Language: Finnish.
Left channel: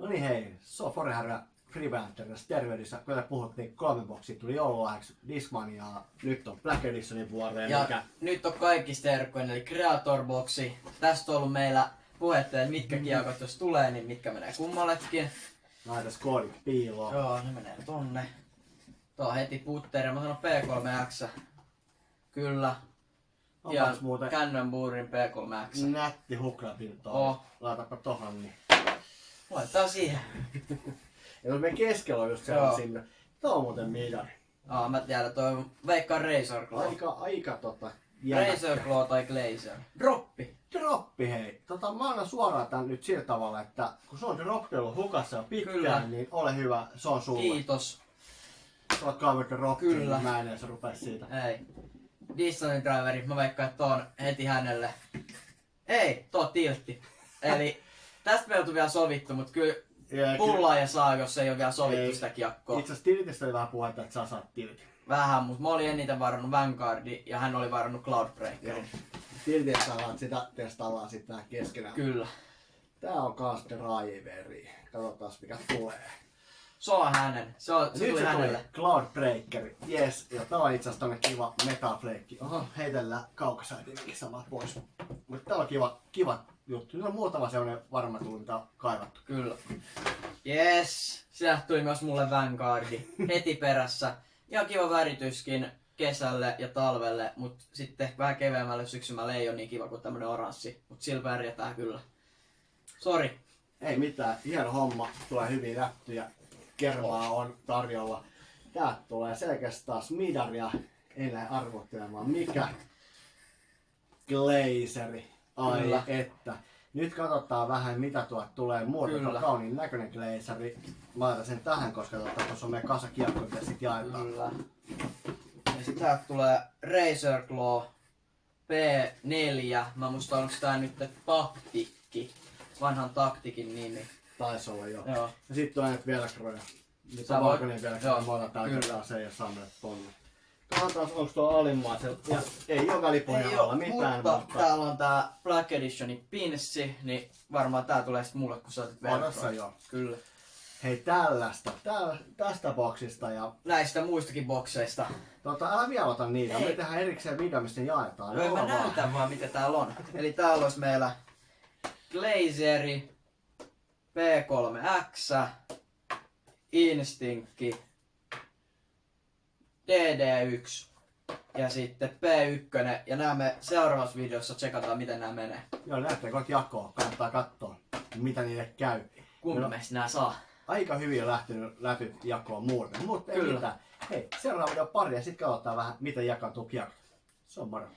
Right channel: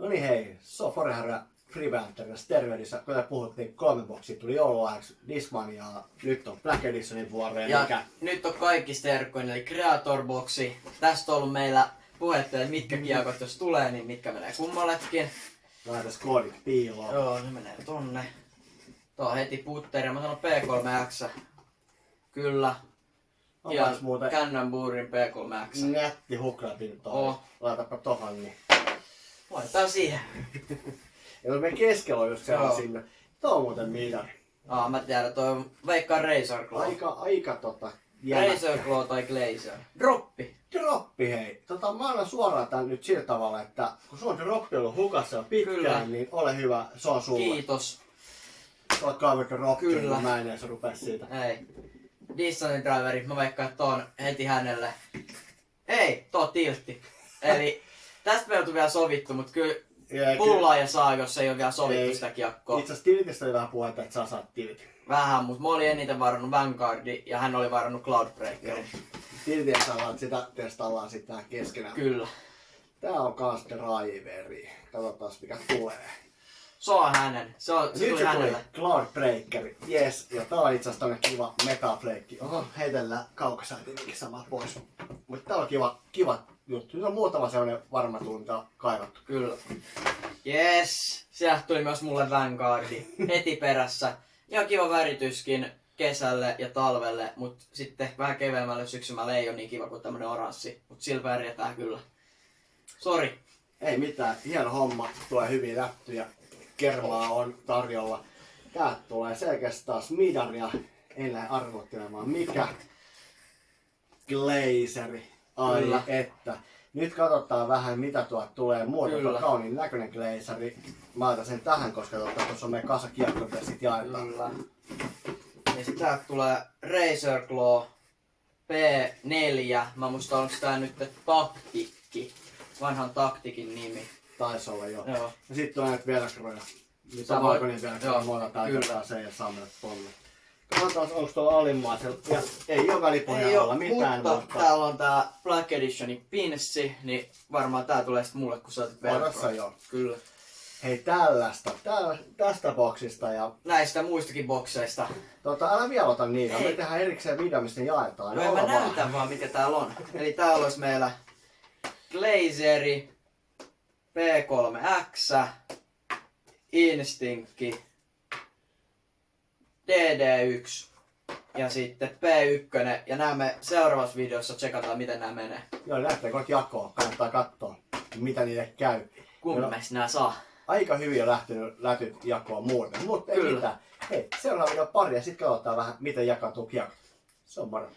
No niin hei, se on Forehärä Freebanterissa terveydessä. Kuten puhuttiin, 3 boksia tuli joululahjaksi Discmaniaa. Nyt on Black Editionin vuoreen. Ja mikä... nyt on kaikista terkkoinen, eli Creator Boxi. Tästä on ollut meillä puhetta, että mitkä kiekot jos tulee, niin mitkä menee kummallekin. Laitas koodit piiloon. Joo, ne menee tonne. Tuo on heti putteri. Mä sanon P3X. Kyllä. Ja muuten Cannonballen P3X. nätti huklapin toi. Oh. Laitapa tohon niin. Laitetaan siihen. Ja me keskellä on just siellä sinne. Tuo on muuten midari. Mä tiedän, toi on veikkaan Razor Claw. Aika Razor Claw tai Glacier. Droppi. Droppi hei. Mä annan suoraan tän nyt sillä tavalla, että kun sun droppi on ollut hukassa jo pitkään, Kyllä. niin ole hyvä, se on sulle. Kiitos. Sä oot kaivettu droppi, Kyllä. niin mä en edes rupea siitä. Ei. Dissonin driveri, mä veikkaan, että on heti hänelle. Ei, tuo tiltti. Eli tästä me ei oltu vielä sovittu, mutta kyllä pullaa ja saa, jos ei ole vielä sovittu sitä kiekkoa. Itse asiassa tilitistä oli vähän puhetta, että sä saat tilitin. Vähän, mutta mä olin eniten varannut Vanguardi ja hän oli varannut Cloudbreakerin. Tilitin saadaan sitä testaillaan sitten tähän keskenään. Kyllä. Tää on kans driveri. Katsotaan mikä tulee. Se on hänen. Se tuli hänelle. Cloudbreaker. Yes. Ja tää on itse asiassa tommonen kiva metafleikki. Oho, heitellään kaukasäätiminkin samaa pois. Mutta tää on kiva juttu. Nyt on muutama sellainen varma tunta kaivattu. Kyllä. Yes. Sieltä tuli myös mulle Vanguardi heti perässä. Ihan kiva värityskin kesälle ja talvelle, mut sitten vähän keveämmälle syksymälle ei ole niin kiva kuin tämmönen oranssi. Mut sillä värjätään kyllä. Sori. Ei mitään, hieno homma. Tulee hyvin läptyjä. Kermaa on tarjolla. Täältä tulee selkeästi taas midaria. En lähde arvottelemaan mikä. Glazeri. Ai Kyllä. että. Nyt katsotaan vähän mitä tuolta tulee. Muuten on kauniin näköinen glazeri. Mä laitan sen tähän, koska tuossa on meidän kasakiekko, mitä sit jaetaan. Kyllä. Ja sit täältä tulee Razor Claw P4. Mä muistan onko tää nyt Taktikki. Vanhan Taktikin nimi. Taisi olla jo. Joo. Ja sitten on näitä velcroja. Nyt Sä on voit- valkoinen velcro. joo, Mä otan kyllä. täällä se ja saa mennä tonne. Katsotaan onko tuo alimmaisella. Ja ei joka lipun Ei alla oo, mitään. mutta täällä on tää Black Editionin pinssi, niin varmaan tää tulee sit mulle kun sä otit Odassa velcroa. joo. Kyllä. Hei tällaista. Tästä boksista ja Näistä muistakin bokseista. älä vielä ota niitä. Me Ei. tehdään erikseen video, mistä ne jaetaan. No en mä Olla vaan. näytä vaan mitä täällä on. Eli täällä olisi meillä Glazeri, P3X, Instinkki, DD1 ja sitten P1. Ja nämä me seuraavassa videossa tsekataan miten nämä menee. Joo, lähtee kohta jakoon. Kannattaa katsoa, mitä niille käy. Kumpi No. meistä nämä saa? Aika hyvin on lähtynyt jakoon muuten. Mutta ei Kyllä. mitään. Hei, seuraava video pari ja sitten katsotaan vähän, miten jakautuu kiekko. Se on moro.